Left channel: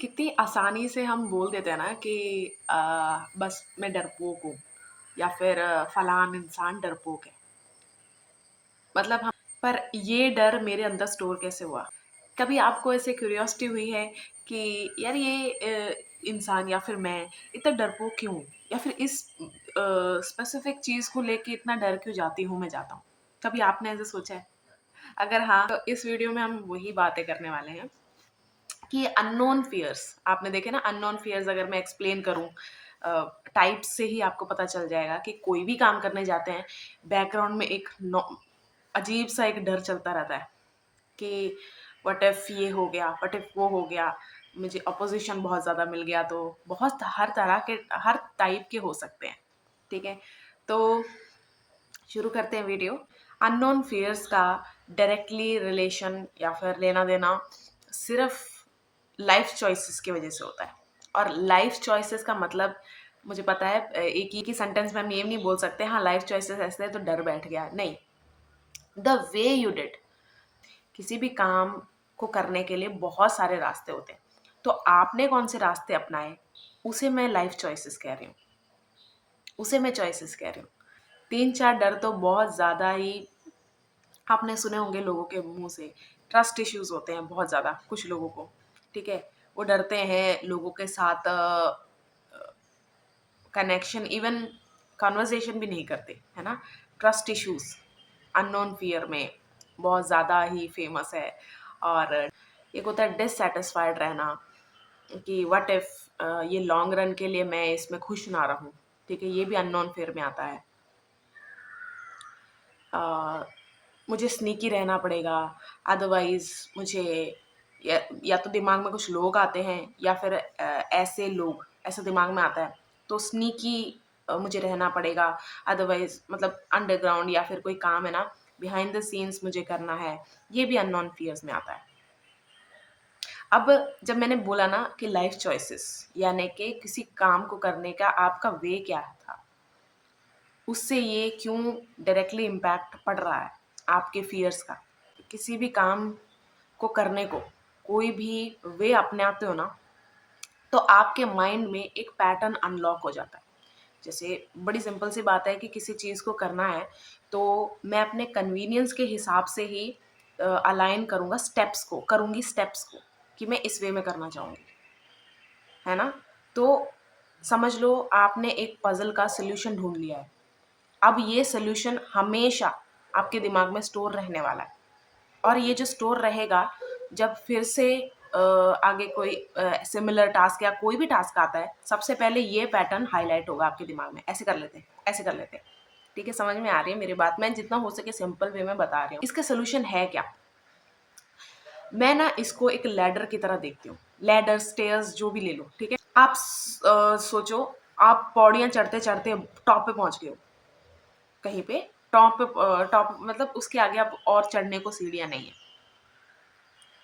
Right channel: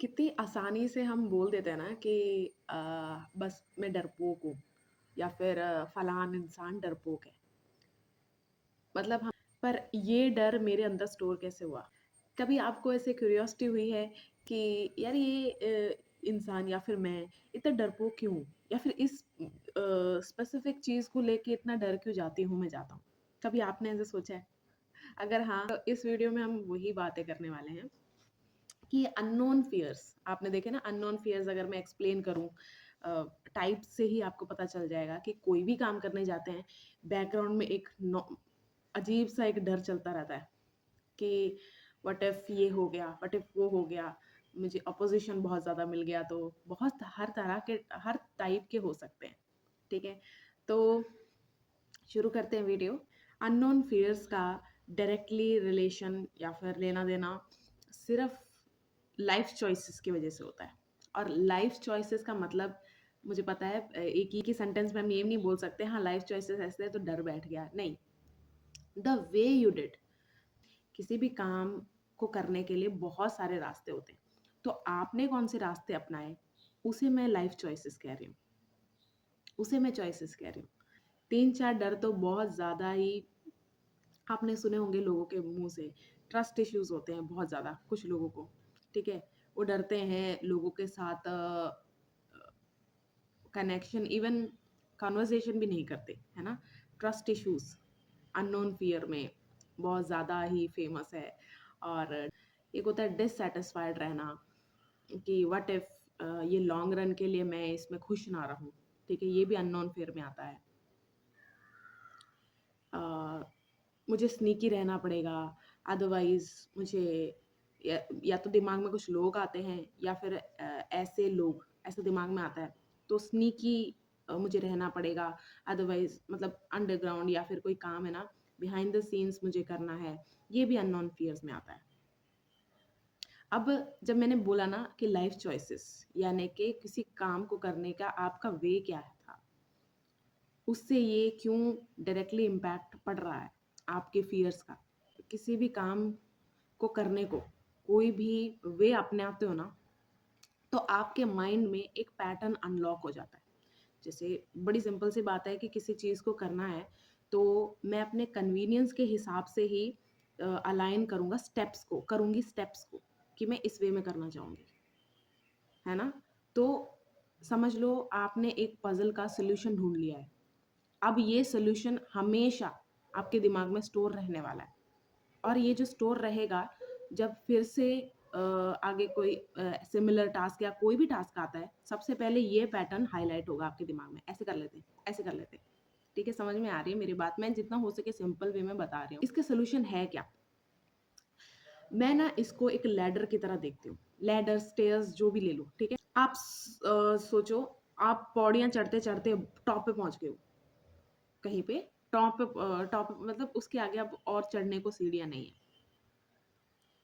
कितनी आसानी से हम बोल देते हैं ना कि बस मैं डरपोक हूँ या फिर फलान इंसान डरपोक है। मतलब हम पर ये डर मेरे अंदर स्टोर कैसे हुआ? कभी आपको ऐसे क्यूरियोसिटी हुई है कि यार ये इंसान या फिर मैं इतना डरपोक क्यों हूँ? या फिर इस स्पेसिफिक चीज़ को लेके इतना डर क्यों जाती हूँ मैं जाता हूँ? कभी आपने ऐसे सोचा है? अगर हाँ, तो इस वीडियो में हम वही बातें करने वाले हैं कि अननोन फियर्स आपने देखे ना। अननोन फियर्स अगर मैं एक्सप्लेन करूँ टाइप्स से ही आपको पता चल जाएगा कि कोई भी काम करने जाते हैं, बैकग्राउंड में एक अजीब सा एक डर चलता रहता है कि व्हाट इफ ये हो गया, व्हाट इफ वो हो गया, मुझे अपोजिशन बहुत ज़्यादा मिल गया। तो बहुत हर तरह के हर टाइप के हो सकते हैं। ठीक है, तो शुरू करते हैं वीडियो। अननोन फियर्स का डायरेक्टली रिलेशन या फिर लेना देना सिर्फ लाइफ चॉइसेस की वजह से होता है। और लाइफ चॉइसेस का मतलब मुझे पता है एक ही सेंटेंस में हम ये नहीं बोल सकते हाँ लाइफ चॉइसेस ऐसे है तो डर बैठ गया, नहीं। द वे यू डिड किसी भी काम को करने के लिए बहुत सारे रास्ते होते हैं। तो आपने कौन से रास्ते अपनाए, उसे मैं लाइफ चॉइसेस कह रही हूँ, उसे मैं चॉइसेस कह रही हूँ। 3-4 डर तो बहुत ज़्यादा ही आपने सुने होंगे लोगों के मुंह से। ट्रस्ट इश्यूज होते हैं बहुत ज़्यादा कुछ लोगों को। ठीक है, वो डरते हैं लोगों के साथ कनेक्शन, इवन कन्वर्सेशन भी नहीं करते, है ना। ट्रस्ट इश्यूज अननोन फियर में बहुत ज़्यादा ही फेमस है। और एक होता है डिससेटिस्फाइड रहना कि व्हाट इफ ये लॉन्ग रन के लिए मैं इसमें खुश ना रहूं। ठीक है, ये भी अननोन फियर में आता है। अ, मुझे स्नीकी रहना पड़ेगा, अदरवाइज मुझे या तो दिमाग में कुछ लोग आते हैं या फिर ऐसे लोग ऐसा दिमाग में आता है तो स्नीकी मुझे रहना पड़ेगा। अदरवाइज मतलब अंडरग्राउंड या फिर कोई काम है ना, बिहाइंड द सीन्स मुझे करना है। ये भी अननोन फियर्स में आता है। अब जब मैंने बोला ना कि लाइफ चॉइसेस यानी कि किसी काम को करने का आपका वे क्या था, उससे ये क्यों डायरेक्टली इम्पैक्ट पड़ रहा है आपके फियर्स का। किसी भी काम को करने को कोई भी वे अपनाते हो ना, तो आपके माइंड में एक पैटर्न अनलॉक हो जाता है। जैसे बड़ी सिंपल सी बात है कि किसी चीज़ को करना है तो मैं अपने कन्वीनियंस के हिसाब से ही अलाइन करूँगा स्टेप्स को, करूँगी स्टेप्स को कि मैं इस वे में करना चाहूँगी, है ना। तो समझ लो आपने एक पजल का सोल्यूशन ढूंढ लिया है। अब ये सोल्यूशन हमेशा आपके दिमाग में स्टोर रहने वाला है। और ये जो स्टोर रहेगा, जब फिर से आगे कोई सिमिलर टास्क या कोई भी टास्क आता है, सबसे पहले ये पैटर्न हाईलाइट होगा आपके दिमाग में। ऐसे कर लेते हैं, ऐसे कर लेते हैं। ठीक है, समझ में आ रही है मेरी बात? मैं जितना हो सके सिंपल वे में बता रही हूँ। इसका सोल्यूशन है क्या? मैं ना इसको एक लैडर की तरह देखती हूँ। लैडर, स्टेयर्स जो भी ले लो, ठीक है। आप सोचो, आप पौड़ियाँ चढ़ते चढ़ते टॉप पे पहुंच गए हो कहीं पे। टॉप मतलब उसके आगे अब और चढ़ने को सीढ़ियाँ नहीं है।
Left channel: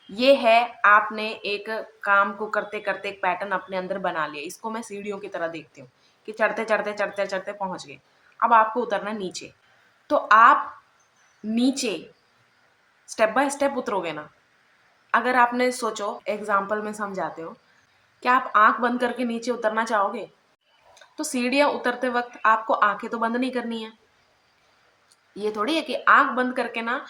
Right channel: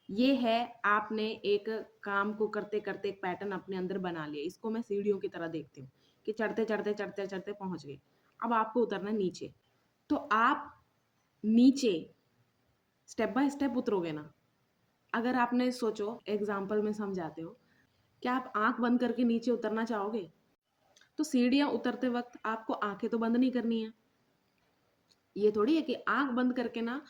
ये है, आपने एक काम को करते करते एक पैटर्न अपने अंदर बना लिया। इसको मैं सीढ़ियों की तरह देखती हूँ कि चढ़ते चढ़ते चढ़ते चढ़ते पहुंच गए। अब आपको उतरना नीचे, तो आप नीचे स्टेप बाय स्टेप उतरोगे ना। अगर आपने सोचो, एग्जाम्पल में समझाते हो, क्या आप आंख बंद करके नीचे उतरना चाहोगे? तो सीढ़ियां उतरते वक्त आपको आंखें तो बंद नहीं करनी है। ये थोड़ी है कि आंख बंद करके ना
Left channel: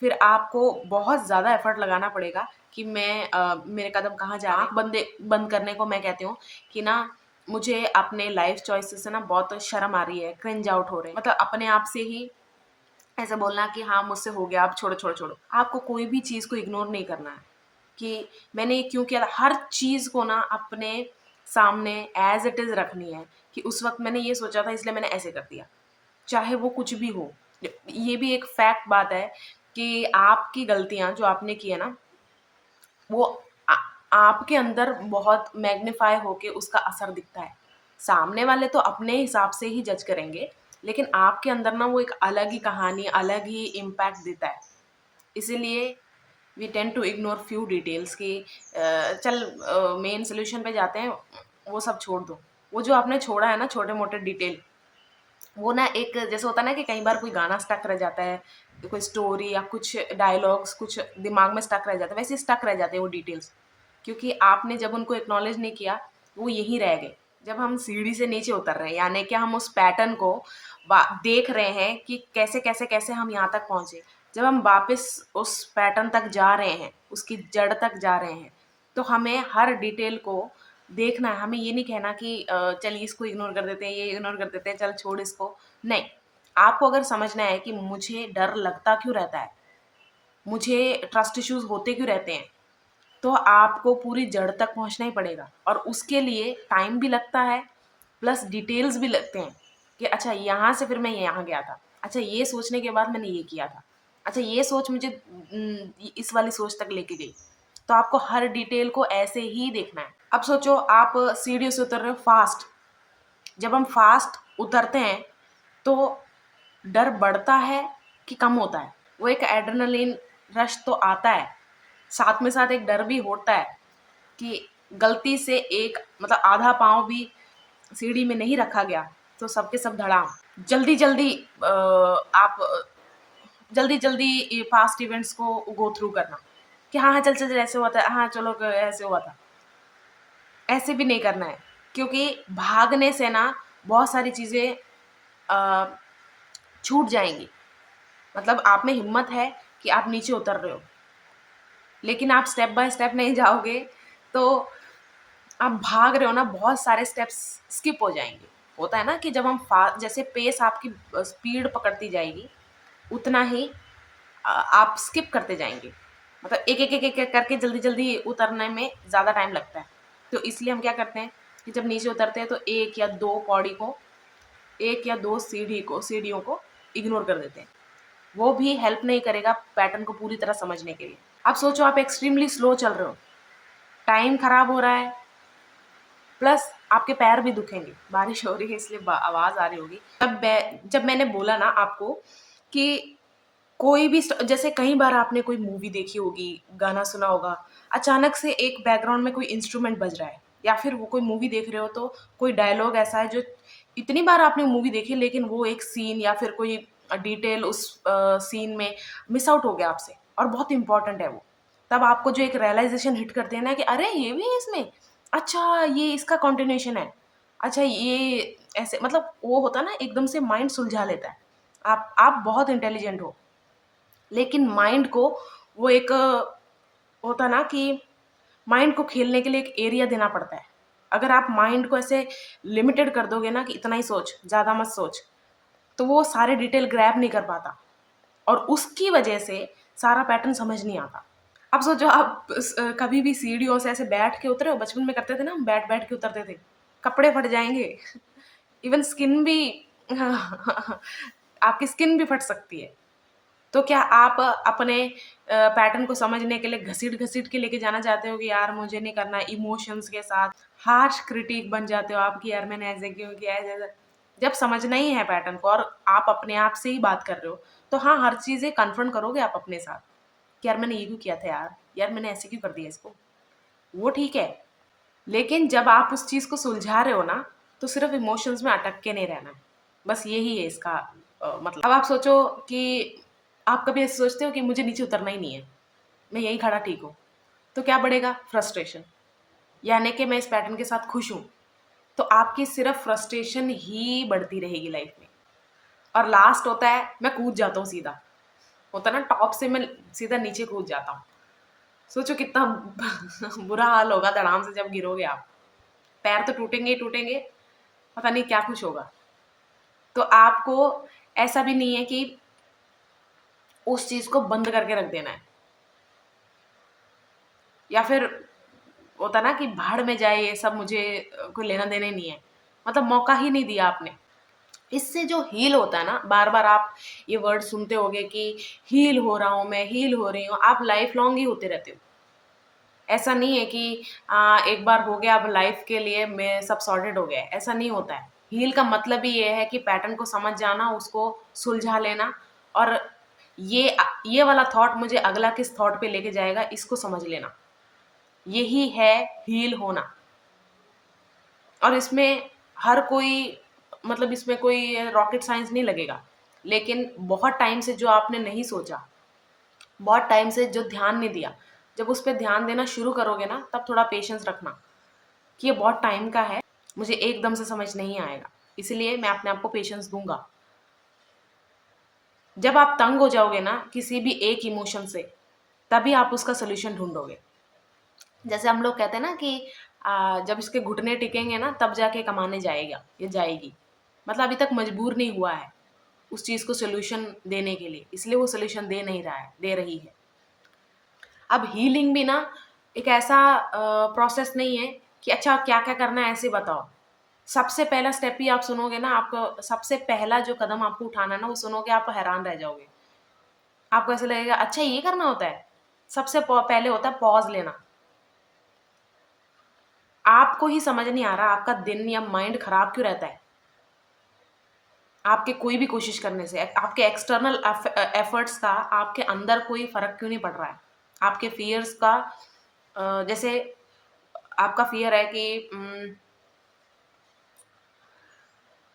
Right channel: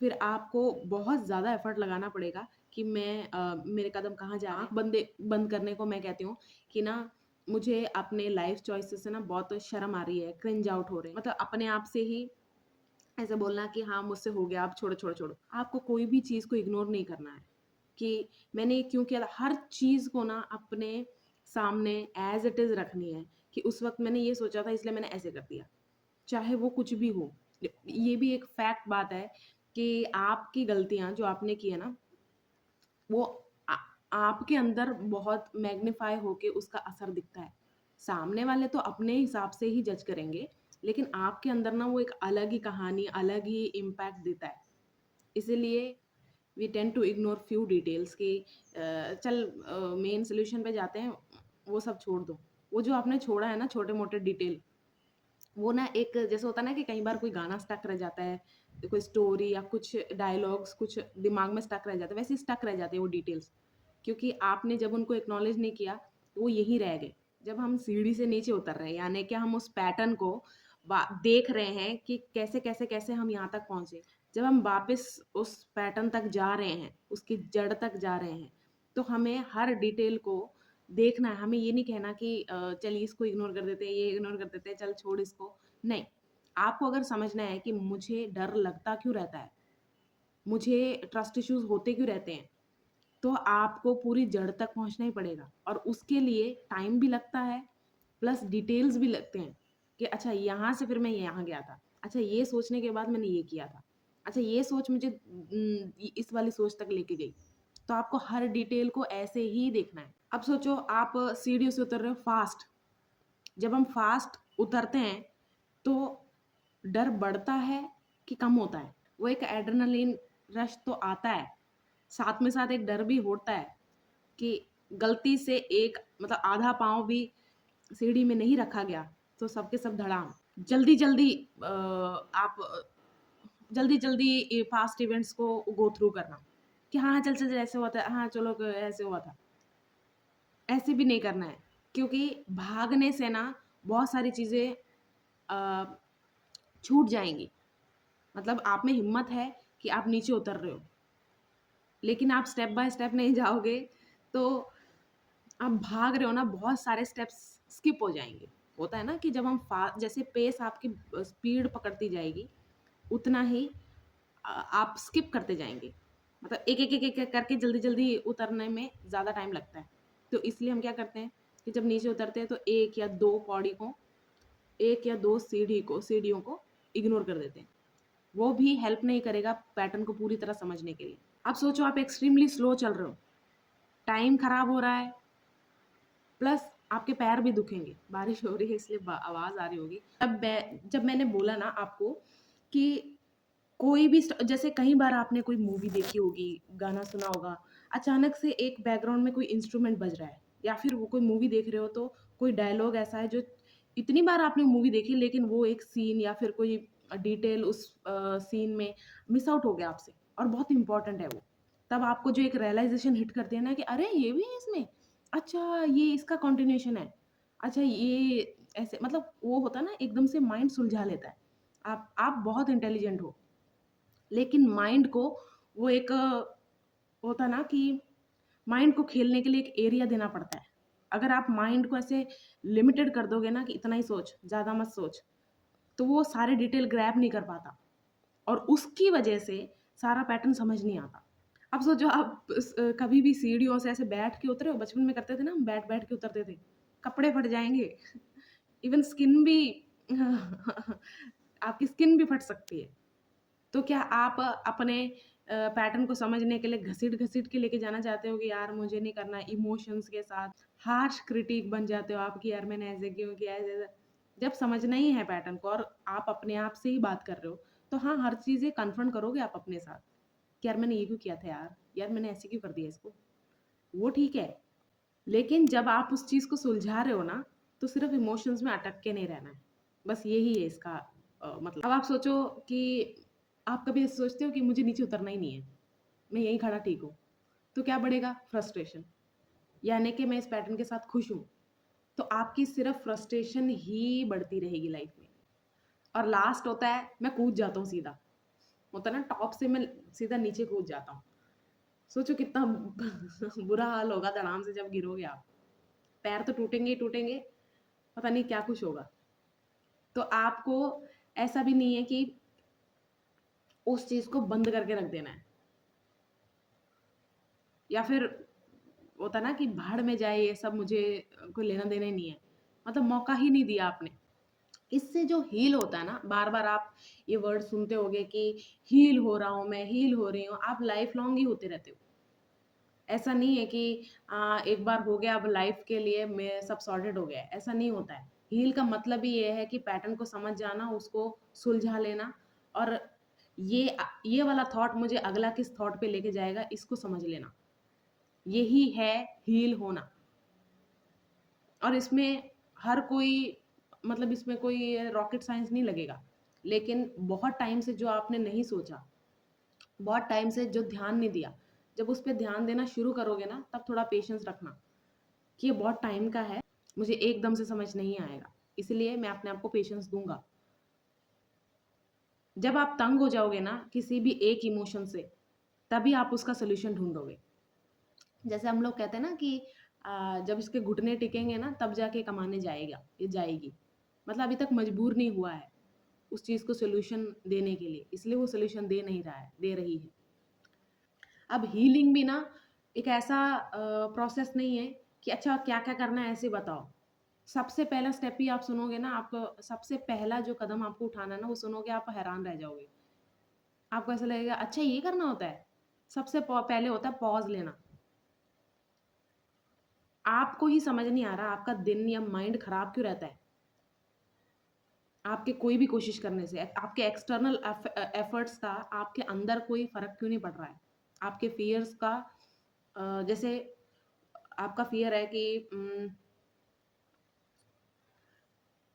फिर आपको बहुत ज़्यादा एफर्ट लगाना पड़ेगा कि मैं मेरे कदम कहाँ जा रहे हैं। आंख बंद करने को मैं कहती हूँ कि ना मुझे अपने लाइफ चॉइसेस से ना बहुत शर्म आ रही है, क्रिंज आउट हो रहे हैं। मतलब अपने आप से ही ऐसा बोलना कि हाँ मुझसे हो गया, अब छोड़ो छोड़ो छोड़ो। आपको कोई भी चीज़ को इग्नोर नहीं करना है कि मैंने ये क्यों किया था। हर चीज़ को ना अपने सामने एज इट इज़ रखनी है कि उस वक्त मैंने ये सोचा था इसलिए मैंने ऐसे कर दिया, चाहे वो कुछ भी हो। ये भी एक फैक्ट बात है कि आपकी गलतियाँ जो आपने की है ना, वो आ आपके अंदर बहुत मैग्नीफाई होके उसका असर दिखता है। सामने वाले तो अपने हिसाब से ही जज करेंगे, लेकिन आपके अंदर ना वो एक अलग ही कहानी, अलग ही इम्पैक्ट देता है। इसीलिए we tend to ignore few details कि चल मेन सॉल्यूशन पे जाते हैं, वो सब छोड़ दो। वो जो आपने छोड़ा है ना छोटे-मोटे डिटेल, वो ना एक जैसे होता है ना कि कई बार कोई गाना स्टक रह जाता है, कोई स्टोरी या कुछ डायलॉग्स कुछ दिमाग में स्टक रह जाता है, वैसे स्टक रह जाते हैं वो डिटेल्स क्योंकि आपने जब उनको एक्नॉलेज नहीं किया, वो यहीं रह गए। जब हम सीढ़ी से नीचे उतर रहे हैं, यानी कि हम उस पैटर्न को देख रहे हैं कि कैसे कैसे कैसे हम यहाँ तक पहुँचे। जब हम वापस उस पैटर्न तक जा रहे हैं, उसकी जड़ तक जा रहे हैं, तो हमें हर डिटेल को देखना है। हमें ये नहीं कहना कि चलिए इसको इग्नोर कर देते हैं, ये इग्नोर कर देते हैं, चल छोड़ इसको। नहीं, आपको अगर समझना है कि मुझे डर लगता क्यों रहता है, मुझे ट्रस्ट इश्यूज होते क्यों रहते हैं, तो आपको पूरी जड़ तक पहुंचना ही पड़ेगा। और उसके लिए टाइम भी लगता है, प्लस डिटेल्स भी लगते हैं कि अच्छा यहाँ से फिर मैं यहाँ गया था, अच्छा ये सोचने के बाद मैंने ये किया था, अच्छा ये सोच मुझे इस वाली सोच तक लेके गई। तो आपको हर डिटेल को ऐसे ही देखना है। अब सोचो आप सीढ़ी से उतर रहे हो फास्ट। जब हम फास्ट उतरते हैं तो डर बढ़ता है कि कम होता है? वो एक एड्रेनलिन रश तो आता है, साथ में साथ एक डर भी होता है कि गलती से एक मतलब आधा पाँव भी सीढ़ी में नहीं रखा गया तो सबके सब धड़ाम। जल्दी जल्दी आप जल्दी जल्दी फास्ट इवेंट्स को गो थ्रू करना कि हाँ हाँ चल चल चल, ऐसे हुआ था, हाँ चलो ऐसे हुआ था। ऐसे भी नहीं करना है, क्योंकि भागने से ना बहुत सारी चीज़ें छूट जाएंगी। मतलब आप में हिम्मत है कि आप नीचे उतर रहे हो, लेकिन आप स्टेप बाय स्टेप नहीं जाओगे तो आप भाग रहे हो ना, बहुत सारे स्टेप्स स्किप हो जाएंगे। होता है ना कि जब हम जैसे पेस आपकी स्पीड पकड़ती जाएगी, उतना ही आप स्किप करते जाएंगे। मतलब एक एक एक एक एक करके जल्दी जल्दी उतरने में ज़्यादा टाइम लगता है। तो इसलिए हम क्या करते हैं कि जब नीचे उतरते हैं तो एक या दो पौड़ी को, एक या दो सीढ़ियों को इग्नोर कर देते हैं। वो भी हेल्प नहीं करेगा पैटर्न को पूरी तरह समझने के लिए। आप सोचो आप एक्सट्रीमली स्लो चल रहे हो, टाइम खराब हो रहा है, प्लस आपके पैर भी दुखेंगे। बारिश हो रही है इसलिए आवाज़ आ रही होगी। जब मैंने बोला ना आपको कि कोई भी जैसे कई बार आपने कोई मूवी देखी होगी, गाना सुना होगा, अचानक से एक बैकग्राउंड में कोई इंस्ट्रूमेंट बज रहा है, या फिर वो कोई मूवी देख रहे हो तो कोई डायलॉग ऐसा है जो इतनी बार आपने मूवी देखी लेकिन वो एक सीन या फिर कोई डिटेल उस सीन में मिस आउट हो गया आपसे और बहुत इंपॉर्टेंट है वो। तब आपको जो एक रियलाइजेशन हिट करते हैं ना कि अरे ये भी है इसमें, अच्छा ये इसका कंटिन्यूएशन है, अच्छा ये ऐसे, मतलब वो होता है ना एकदम से माइंड सुलझा लेता है। आप बहुत इंटेलिजेंट हो, लेकिन माइंड को वो एक होता ना कि माइंड को खेलने के लिए एक एरिया देना पड़ता है। अगर आप माइंड को ऐसे लिमिटेड कर दोगे ना कि इतना ही सोच, ज़्यादा मत सोच, तो वो सारे डिटेल ग्रैब नहीं कर पाता और उसकी वजह से सारा पैटर्न समझ नहीं आता। अब सोचो आप कभी भी सीढ़ियों से ऐसे बैठ के उतरे हो, बचपन में करते थे ना, हम बैठ बैठ के उतरते थे, कपड़े फट जाएंगे इवन स्किन भी आपकी स्किन भी फट सकती है। तो क्या आप अपने पैटर्न को समझने के लिए घसीट-घसीट के लेके जाना चाहते हो कि यार मुझे नहीं करना, इमोशंस के साथ हार्श क्रिटिक बन जाते हो आप कि यार मैंने ऐसे क्यों किया, ऐसे-ऐसे। जब समझना ही है पैटर्न को और आप अपने आप से ही बात कर रहे हो, तो हाँ, हर चीज़ें कन्फ्रंट करोगे आप अपने साथ कि यार मैंने ये क्यों किया था यार? यार मैंने ऐसे क्यों कर दिया इसको? वो ठीक है, लेकिन जब आप उस चीज़ को सुलझा रहे हो ना, तो सिर्फ़ इमोशंस में अटक के नहीं रहना है। बस यही है इसका मतलब। अब आप सोचो कि आप कभी ऐसे सोचते हो कि मुझे नीचे उतरना ही नहीं है, मैं यहीं खड़ा ठीक हूँ, तो क्या बढ़ेगा? फ्रस्ट्रेशन। यानी कि मैं इस पैटर्न के साथ खुश हूँ, तो आपकी सिर्फ़ फ्रस्ट्रेशन ही बढ़ती रहेगी लाइफ़ में। और लास्ट होता है मैं कूद जाता हूँ सीधा। होता है ना टॉप से मैं सीधा नीचे कूद जाता हूँ। सोचो कितना बुरा हाल होगा धड़ाम से जब गिरोगे आप। पैर तो टूटेंगे ही टूटेंगे, पता नहीं क्या कुछ होगा। तो आपको ऐसा भी नहीं है कि उस चीज़ को बंद करके रख देना है, या फिर होता ना कि भाड़ में जाए ये सब, मुझे कोई लेना देना ही नहीं है, मतलब मौका ही नहीं दिया आपने। इससे जो हील होता है ना, बार बार आप ये वर्ड सुनते होगे कि हील हो रहा हूँ मैं, हील हो रही हूँ, आप लाइफ लॉन्ग ही होते रहते हो। ऐसा नहीं है कि एक बार हो गया अब लाइफ के लिए मैं सब सॉर्टेड हो गया है, ऐसा नहीं होता है। हील का मतलब ही ये है कि पैटर्न को समझ जाना, उसको सुलझा लेना, और ये वाला थॉट मुझे अगला किस थॉट पे लेके जाएगा इसको समझ लेना, यही है हील होना। और इसमें हर कोई, मतलब इसमें कोई रॉकेट साइंस नहीं लगेगा, लेकिन बहुत टाइम से जो आपने नहीं सोचा, बहुत टाइम से जो ध्यान नहीं दिया, जब उस पे ध्यान देना शुरू करोगे ना, तब थोड़ा पेशेंस रखना कि ये बहुत टाइम का है, मुझे एकदम से समझ नहीं आएगा, इसलिए मैं अपने आप को पेशेंस दूँगा। जब आप तंग हो जाओगे ना किसी भी एक इमोशन से, तभी आप उसका सॉल्यूशन ढूँढोगे। जैसे हम लोग कहते हैं ना कि जब इसके घुटने टिकेंगे ना तब जाके कमाने जाएगा या जाएगी। मतलब अभी तक मजबूर नहीं हुआ है उस चीज़ को सॉल्यूशन देने के लिए, इसलिए वो सॉल्यूशन दे नहीं रहा है, दे रही है। अब हीलिंग भी ना एक ऐसा प्रोसेस नहीं है कि अच्छा क्या-क्या करना है ऐसे बताओ। सबसे पहला स्टेप ही आप सुनोगे ना, आपको सबसे पहला जो कदम आपको उठाना है ना, वो सुनोगे आप हैरान रह जाओगे। आपको ऐसा लगेगा अच्छा ये करना होता है? सबसे पहले होता है पॉज़ लेना। आपको ही समझ नहीं आ रहा आपका दिन या माइंड खराब क्यों रहता है? आपके कोई भी कोशिश करने से, आपके एक्सटर्नल एफर्ट्स का आपके अंदर कोई फ़र्क क्यों नहीं पड़ रहा है? आपके फ़ियर्स का जैसे आपका फ़ियर है कि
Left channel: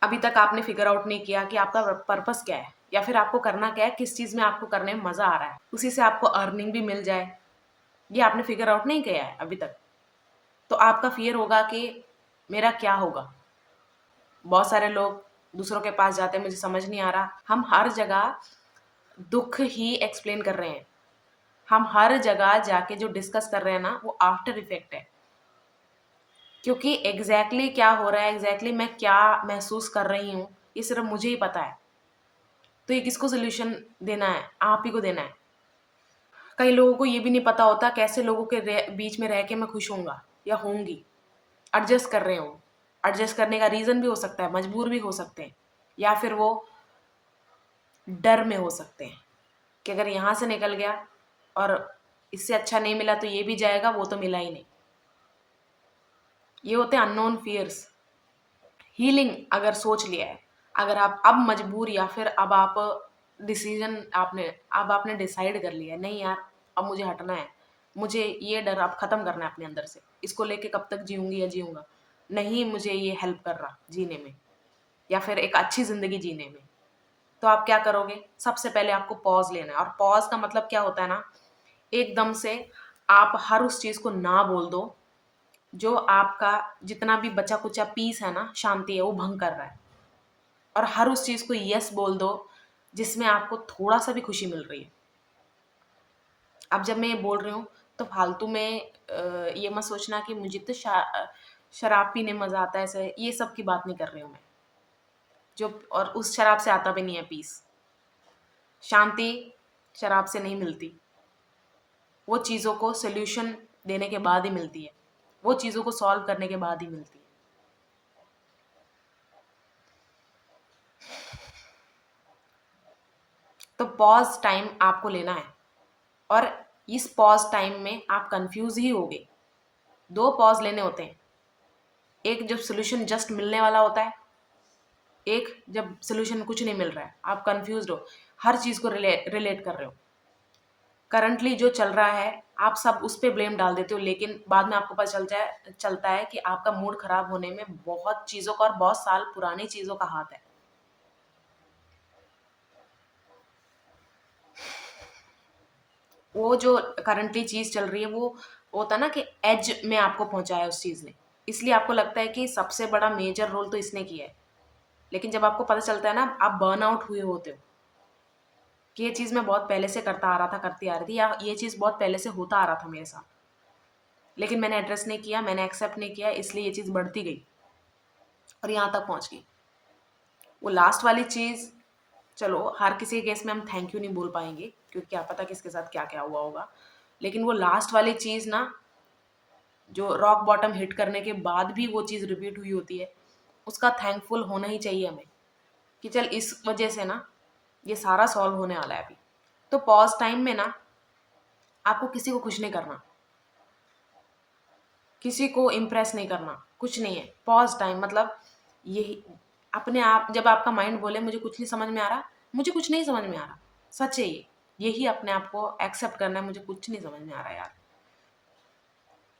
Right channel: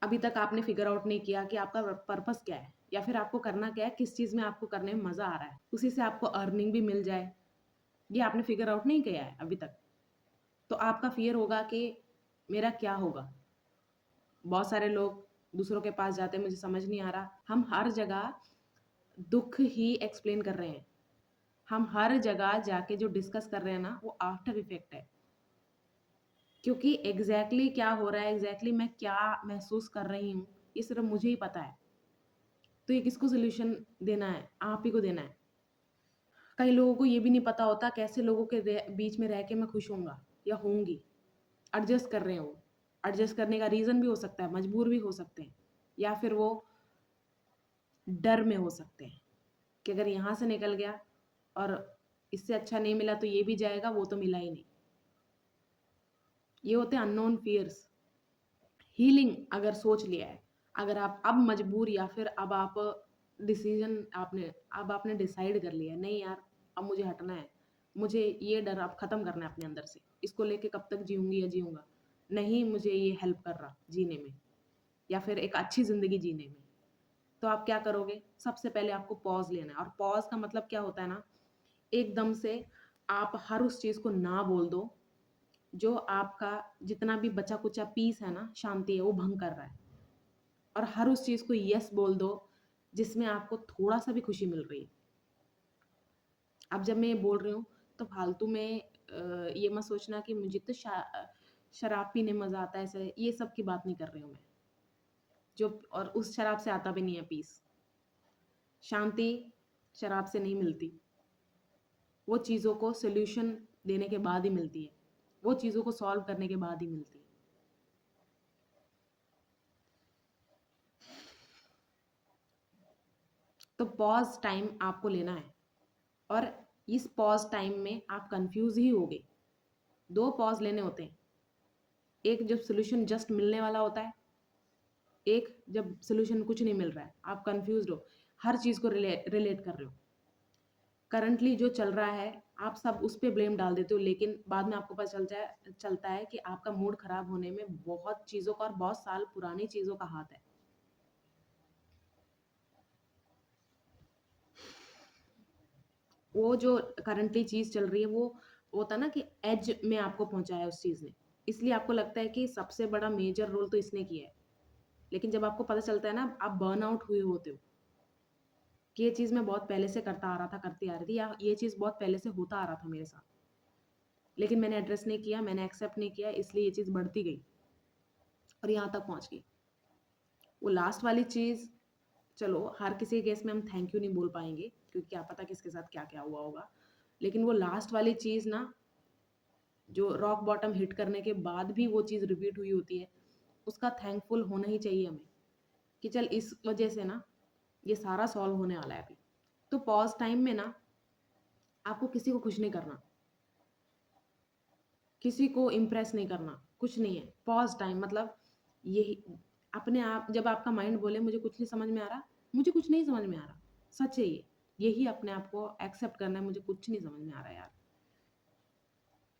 अभी तक आपने फ़िगर आउट नहीं किया कि आपका पर्पस क्या है? या फिर आपको करना क्या है? किस चीज़ में आपको करने में मज़ा आ रहा है? उसी से आपको अर्निंग भी मिल जाए, ये आपने फ़िगर आउट नहीं किया है अभी तक। तो आपका फ़ियर होगा कि मेरा क्या होगा? बहुत सारे लोग दूसरों के पास जाते हैं, मुझे समझ नहीं आ रहा। हम हर जगह दुःख ही एक्सप्लेन कर रहे हैं। हम हर जगह जाके जो डिस्कस कर रहे हैं ना, वो आफ्टर इफ़ेक्ट है। क्योंकि एग्ज़ैक्टली क्या हो रहा है, एग्ज़ैक्टली मैं क्या महसूस कर रही हूँ, ये सिर्फ़ मुझे ही पता है। तो ये किसको सॉल्यूशन देना है? आप ही को देना है। कई लोगों को ये भी नहीं पता होता कैसे लोगों के बीच में रह के मैं खुश होऊँगा या होऊँगी। एडजस्ट कर रहे हो। एडजस्ट करने का रीज़न भी हो सकता है, मजबूर भी हो सकते हैं या फिर वो डर में हो सकते हैं कि अगर यहाँ से निकल गया और इससे अच्छा नहीं मिला तो ये भी जाएगा, वो तो मिला ही नहीं। ये होते हैं अननोन फ़ियर्स। हीलिंग अगर सोच लिया है, अगर आप अब मजबूर या फिर अब आप डिसीज़न आपने डिसाइड कर लिया है, नहीं यार अब मुझे हटना है। मुझे ये डर अब ख़त्म करना है अपने अंदर से। इसको लेके कब तक जीऊँगी या जीऊँगा। नहीं मुझे ये हेल्प कर रहा जीने में या फिर एक अच्छी ज़िंदगी जीने में। तो आप क्या करोगे? सबसे पहले आपको पॉज़ लेना है और पॉज़ का मतलब क्या होता है ना, एकदम से आप हर उस चीज़ को ना बोल दो, जो आपका जितना भी बचा-कुचा पीस है ना, शांति है, वो भंग कर रहा है। और हर उस चीज़ को येस बोल दो, जिसमें आपको थोड़ा-सा भी खुशी मिल रही है। अब जब मैं ये बोल रही हूँ, तो फालतू में ये मत सोचना कि मुझे तो शराब पीने मज़ा आता है, ऐसे ये सब की बात नहीं कर रही हूँ मैं। जो और उस शराब से आता भी नहीं है पीस। शांति शराब से नहीं मिलती। वो चीज़ों को सॉल्यूशन देने के बाद ही मिलती है। वो चीज़ों को सॉल्व करने के बाद ही मिलती है। तो पॉज़ टाइम आपको लेना है और इस पॉज़ टाइम में आप कन्फ्यूज़ ही होगे। 2 पॉज़ लेने होते हैं। एक जब सॉल्यूशन जस्ट मिलने वाला होता है, एक जब सॉल्यूशन कुछ नहीं मिल रहा है, आप कन्फ्यूज़्ड हो, हर चीज़ को रिलेट कर रहे हो। करंटली जो चल रहा है, आप सब उस पे ब्लेम डाल देते हो, लेकिन बाद में आपको पता चलता है कि आपका मूड खराब होने में बहुत चीज़ों का और बहुत साल पुरानी चीज़ों का हाथ है। वो जो करंटली चीज़ चल रही है, वो होता है ना कि एज में आपको पहुँचाया उस चीज़ ने। इसलिए आपको लगता है कि सबसे बड़ा मेजर रोल तो इसने किया है। लेकिन जब आपको पता चलता है ना, आप बर्नआउट हुए होते हो कि ये चीज़ मैं बहुत पहले से करता आ रहा था, करती आ रही थी, या ये चीज़ बहुत पहले से होता आ रहा था मेरे साथ। लेकिन मैंने एड्रेस नहीं किया, मैंने एक्सेप्ट नहीं किया, इसलिए ये चीज़ बढ़ती गई और यहाँ तक पहुँच गई। वो लास्ट वाली चीज़, चलो हर किसी के केस में हम थैंक यू नहीं बोल पाएँगे, क्योंकि क्या पता किसके साथ क्या-क्या हुआ होगा। लेकिन वो लास्ट वाली चीज़ ना, जो रॉक बॉटम हिट करने के बाद भी वो चीज़ रिपीट हुई होती है, उसका थैंकफुल होना ही चाहिए हमें, कि चल इस वजह से ना ये सारा सॉल्व होने वाला है अभी। तो पॉज़ टाइम में ना आपको किसी को खुश नहीं करना, किसी को इम्प्रेस नहीं करना, कुछ नहीं है। पॉज़ टाइम मतलब यही, अपने आप जब आपका माइंड बोले मुझे कुछ नहीं समझ में आ रहा, मुझे कुछ नहीं समझ में आ रहा, सच है ये। यही अपने आप को एक्सेप्ट करना है, मुझे कुछ नहीं समझ में आ रहा यार।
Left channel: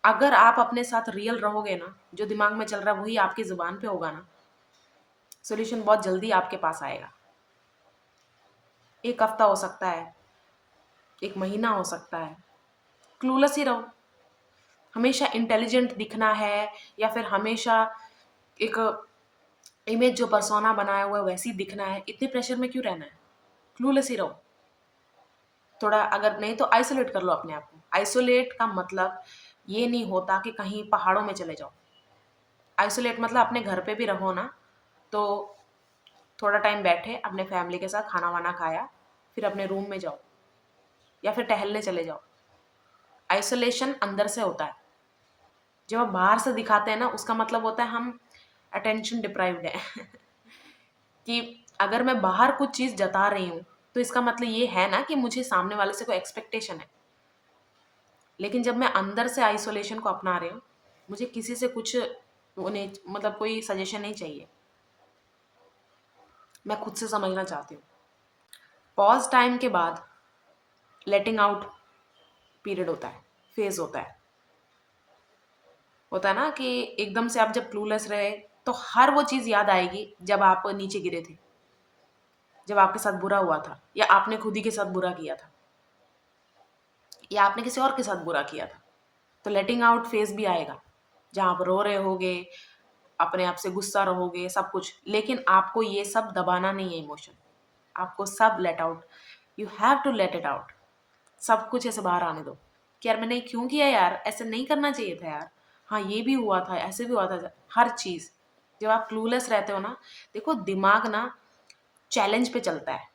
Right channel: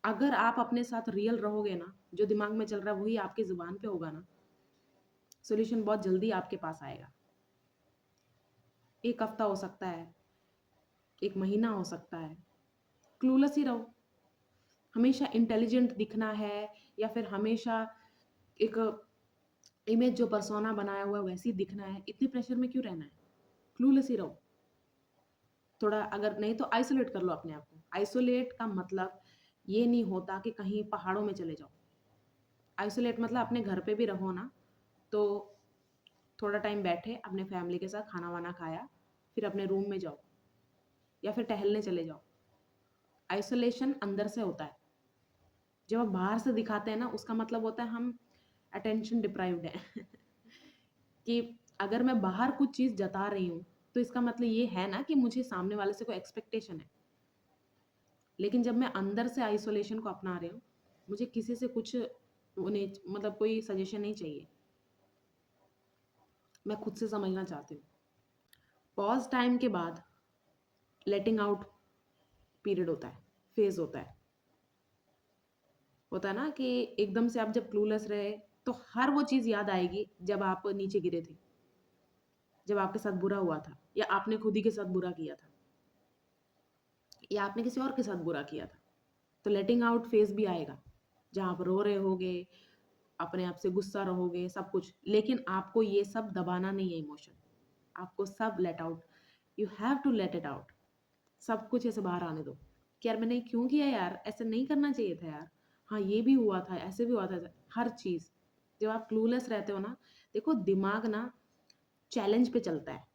अगर आप अपने साथ रियल रहोगे ना, जो दिमाग में चल रहा है वही आपकी ज़ुबान पे होगा ना, सॉल्यूशन बहुत जल्दी आपके पास आएगा। 1 हफ्ता हो सकता है, 1 महीना हो सकता है, क्लूलेस ही रहो। हमेशा इंटेलिजेंट दिखना है या फिर हमेशा एक इमेज जो पर्सोना बनाया हुआ है वैसी दिखना है, इतने प्रेशर में क्यों रहना है? क्लूलेस ही रहो। थोड़ा अगर नहीं तो आइसोलेट कर लो अपने आप को। आइसोलेट का मतलब ये नहीं होता कि कहीं पहाड़ों में चले जाओ। आइसोलेट मतलब अपने घर पे भी रहो ना, तो थोड़ा टाइम बैठे अपने फैमिली के साथ, खाना वाना खाया, फिर अपने रूम में जाओ या फिर टहलने चले जाओ। आइसोलेशन अंदर से होता है। जब हम बाहर से दिखाते हैं ना, उसका मतलब होता है हम अटेंशन डिप्राइव्ड है कि अगर मैं बाहर कुछ चीज़ जता रही हूँ तो इसका मतलब ये है ना कि मुझे सामने वाले से कोई एक्सपेक्टेशन है। लेकिन जब मैं अंदर से आइसोलेशन को अपना रही हूँ, मुझे किसी से कुछ उन्हें मतलब कोई सजेशन नहीं चाहिए, मैं खुद से समझना चाहती हूँ। पॉज टाइम के बाद लेटिंग आउट पीरियड होता है, फेज होता है ना कि एकदम से आप जब क्लूलेस रहे तो हर वो चीज़ याद आएगी जब आप नीचे गिरे थे, जब आपके साथ बुरा हुआ था, या आपने खुद ही के साथ बुरा किया था, या आपने किसी और के साथ बुरा किया था। तो लेटिंग आउट फेज भी आएगा जहाँ आप रो रहे होगे, अपने आप से गुस्सा रहोगे, सब कुछ। लेकिन आपको ये सब दबाना नहीं है इमोशन, आपको सब let out, you have to let it out. सब कुछ ऐसे बाहर आने दो कि यार मैंने क्यों किया, यार ऐसे नहीं करना चाहिए था यार, हाँ ये भी हुआ था, ऐसे भी हुआ था, हर चीज़। जब आप क्लूलेस रहते हो ना, देखो दिमाग ना चैलेंज पे चलता है।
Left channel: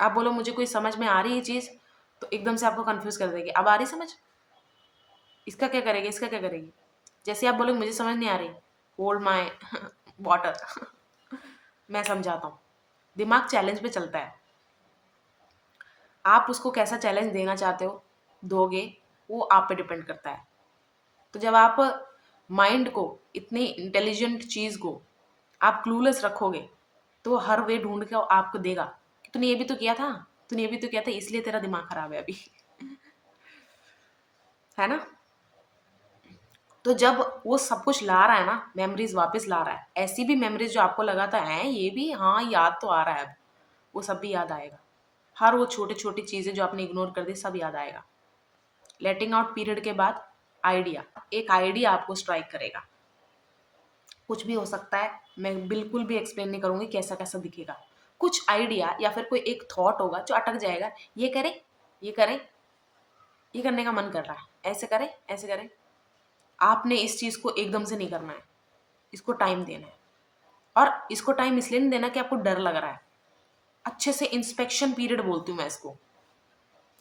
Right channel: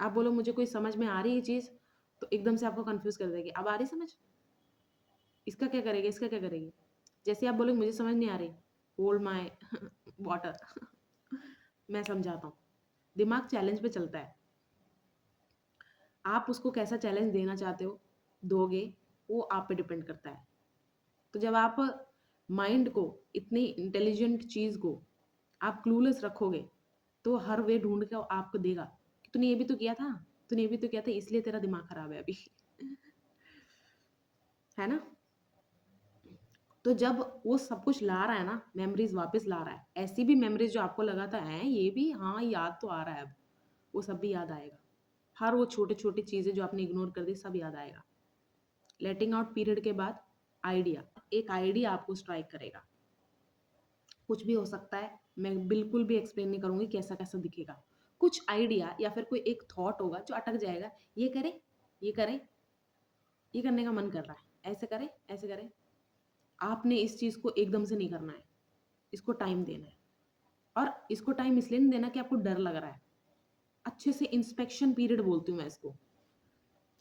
आप बोलो मुझे कोई समझ में आ रही है चीज़, तो एकदम से आपको कंफ्यूज कर देगी, अब आ रही समझ, इसका क्या करेगी, इसका क्या करेगी। जैसे आप बोलोगे मुझे समझ नहीं आ रही, होल्ड माई वाटर मैं समझाता हूँ। दिमाग चैलेंज पे चलता है, आप उसको कैसा चैलेंज देना चाहते हो, दोगे, वो आप पे डिपेंड करता है। तो जब आप माइंड को, इतनी इंटेलिजेंट चीज़ को आप क्लूलेस रखोगे, तो वो हर वे ढूंढ के आपको देगा कि तूने ये भी तो किया था, तूने ये भी तो किया था, इसलिए तेरा दिमाग खराब है अभी है ना। तो जब वो सब कुछ ला रहा है ना, मेमोरीज वापस ला रहा है, ऐसी भी मेमोरीज जो आपको लगा था है ये भी, हाँ याद तो आ रहा है अब, वो सब भी याद आएगा। हर वो छोटी छोटी चीज़ें जो आपने इग्नोर कर दी सब याद आएगा। लेटिंग आउट पीरियड के बाद आइडिया, एक आइडिया आपको स्ट्राइक करेगा। कुछ भी हो सकता है, मैं बिल्कुल भी एक्सप्लेन नहीं करूँगी कैसा कैसा दिखेगा। कुछ आइडिया या फिर कोई एक थॉट होगा जो अटक जाएगा, ये करें, ये करें, ये करने का मन कर रहा है, ऐसे करें, ऐसे करें। आपने इस चीज़ को एकदम से नहीं करना है, इसको टाइम देना है। और इसको टाइम इसलिए नहीं देना कि आपको डर लग रहा है, अच्छे से इंस्पेक्शन पीरियड बोलती हूँ मैं इसको।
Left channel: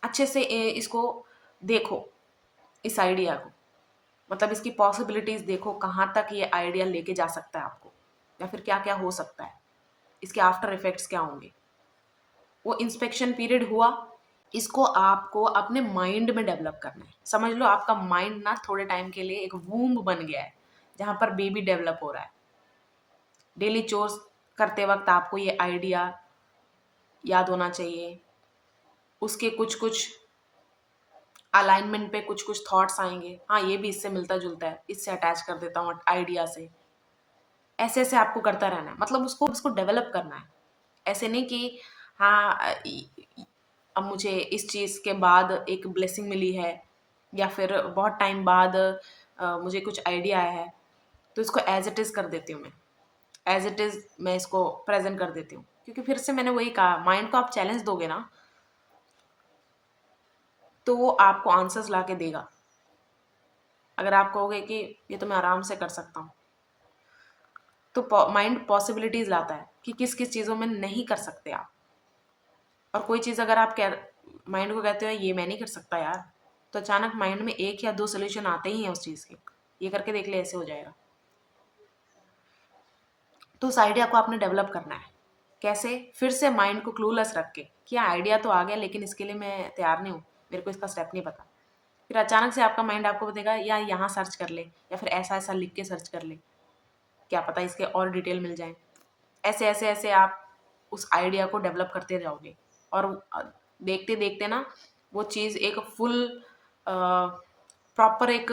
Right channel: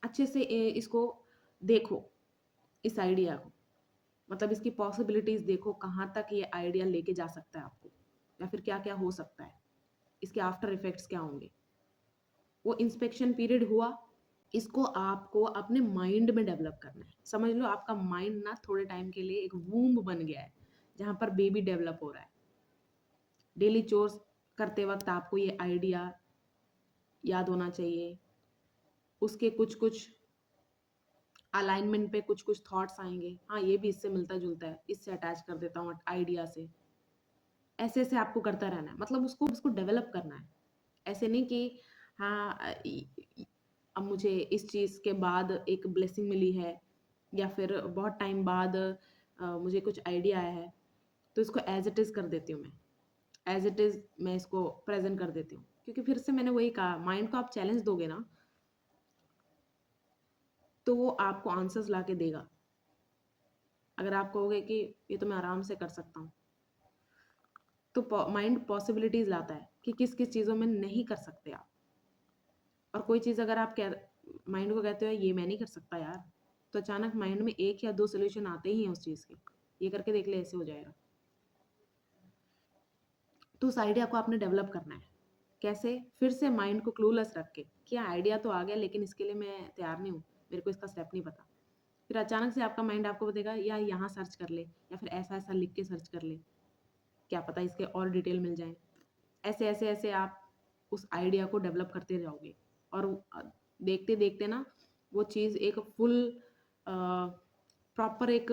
अच्छे से इसको देखो, इस आइडिया को, मतलब इसकी पॉसिबिलिटीज़ देखो, कहाँ तक ये आइडिया लेके जा सकता है आपको, या फिर क्या क्या हो सकता है, इसके आफ्टर इफेक्ट्स क्या होंगे। वो इंस्पेक्शन पीरियड हुआ, इसको आपको अपने माइंड में डेवलप करना है। समझ लो आपका माइंड ना थोड़े टाइम के लिए एक वूम्ब बन गया है जहाँ पर बेबी डेवलप हो रहा है। डेली चोर्स करते वक्त आपको ये आइडिया याद होना चाहिए, उसके कुछ कुछ अलाइनमेंट पे कुछ कुछ थॉट्स आएंगे, हाँ ये भी इससे मिलता जुलता है, इससे अटैच कर देता हूँ आइडिया से। ऐसे ऐसे आपको करता रहना है, मतलब उसको उसको डेवलप करना है। ऐसे नहीं कि हाँ अब मुझे इस चीज़ के बाद एक ब्लेसिंग मिली है, या फिर बहुत टाइम बाद मुझे कुछ आइडिया आया है, तो इसको एज इट इज़ कर देती हूँ मैं। एज इट इज़ मैं इसको प्रेजेंट कर देती हूँ, क्योंकि फिर से मैंने वही कहा, माइंड को आप चैलेंज दोगे ना तो वो आपको आंसर्स ला के देगा। अगर आप कहोगे कि ये तो मैं आराम से कर सकता हूँ, तो माइंड पॉसिबिलिटीज़ लाता है कि किस किस चीज़ों में नहीं कर सकते आप। और कोई चीज़ अगर आप कह माइंड को कहते हो ये मैं नहीं कर सकता यार, तो अचानक माइंड में एक या दो सोल्यूशन आते ही हैं उस चीज़ के, ये करके देख ले ऐसे हो जाएगा। तो उस आइडिया को आपने डेवलप करना है। कैसे? फिर से माइंड को क्लूलेस रख के कि आइडिया तो आ गया लेकिन इसके लिए मैं तैयार नहीं हूँ, मेरे को इसका स्टेप नहीं पता। फिर अचानक से आपका माइंड आपको बताएगा या यहाँ सर्च कर ले, या फिर ऐसा ऐसा लिख के सर्च कर ले, क्या पता इसके और डिटेल मिल जाए। ऐसे ऐसे ऐसे आप उस आइडिया को डेवलप करते जाओगे, और देखते देखते ना वो चीज़ एक फुल प्रॉपर एक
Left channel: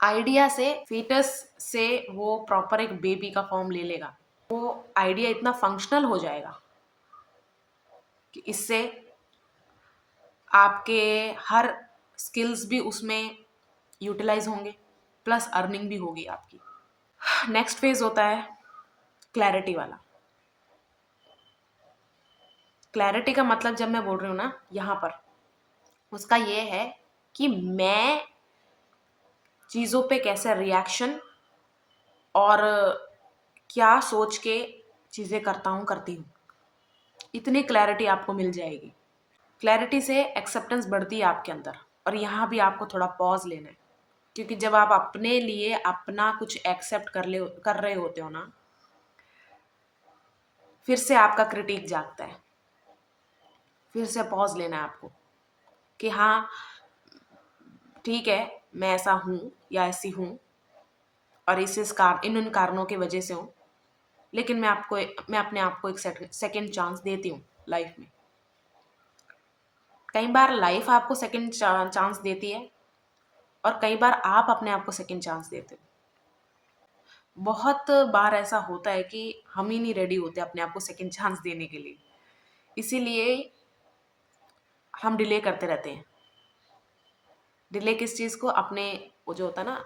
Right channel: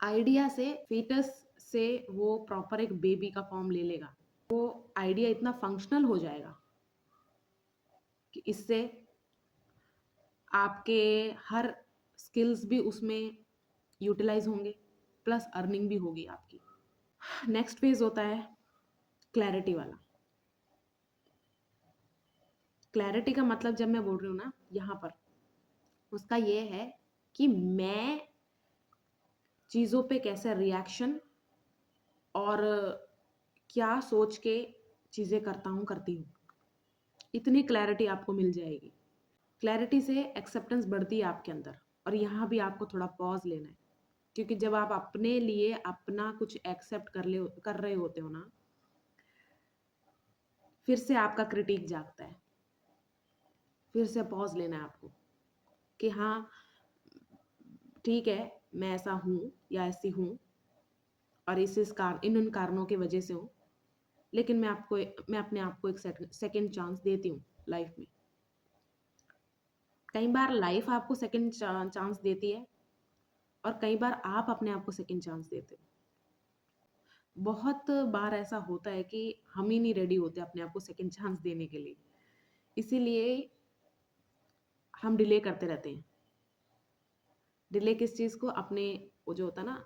आइडिया से, फीटस से वो प्रॉपर एक बेबी का फॉर्म ले लेगा। वो आइडिया इतना फंक्शनल हो जाएगा कि इससे आपके हर स्किल्स भी उसमें यूटिलाइज होंगे, प्लस अर्निंग भी होगी आपकी। नेक्स्ट फेज होता है क्लैरिटी वाला। क्लैरिटी का मतलब जब मैं बोल रही हूँ ना यहाँ पर, उसका ये है कि मैं चीज़ों पे कैसे रिएक्शन और क्या सोच के चीज़ें करता हूँ, करती हूँ, इतनी क्लैरिटी आपको मिल जाएगी। क्लैरिटी से एक्सेप्टेंस बढ़ती है आपके अंदर। और यहाँ भी आपको थोड़ा पॉज लेना है, क्योंकि जब आप अपने लिए अपना कुछ एक्सेप्ट कर रहे होते हो ना, फिर से आपका क्रिटिक जागता है, फिर से पॉज लेना है आपको कि हाँ ठीक है, मैं ऐसा हूँ या ऐसी हूँ और इन उन कारणों की वजह से हूँ, लेकिन मैं अपने आप को एक सेकंड चांस देती हूँ लाइफ में। कई बार लाइफ आपको सेकंड चांस देती है और कई बार आप अपने आप को सेकंड चांस देते हो। बहुत बार ऐसा होता है कि हम ही नहीं रेडी होते अपने आप को सेकंड चांस देने के लिए, इसीलिए हम डिले करते रहते हैं। डिले किस चीज़ को? अपने वो जो होता है ना